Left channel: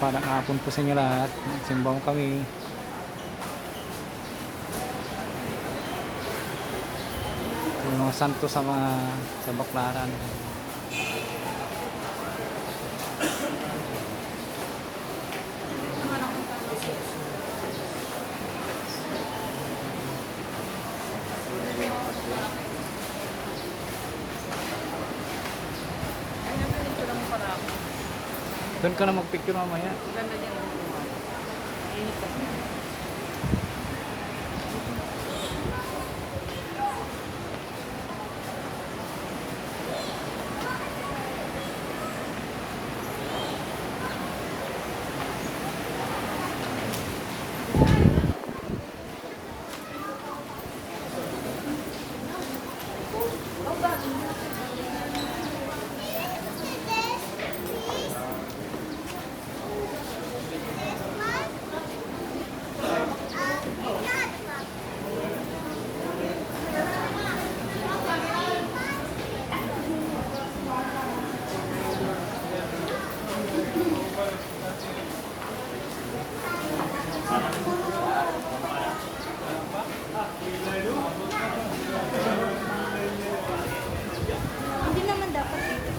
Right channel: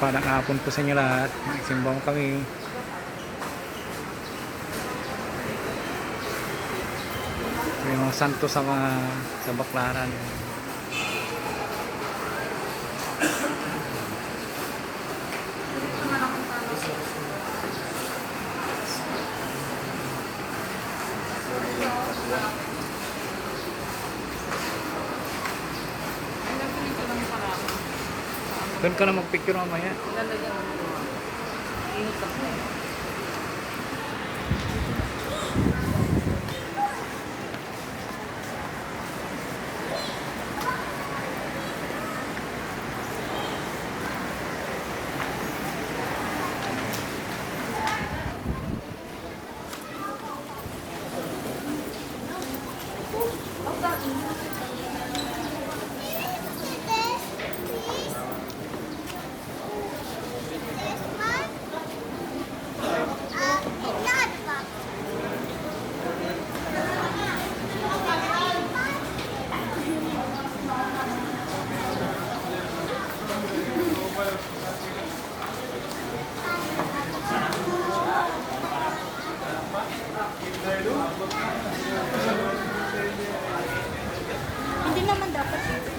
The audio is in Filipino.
Padang hapon po sa inyo lahat. Nagsimba mo kami. Yung mga santo sa Baklaran. Doon ka na magpicture mamaya. Ganda niya naman. Init ako. Hindi naman dapat dito.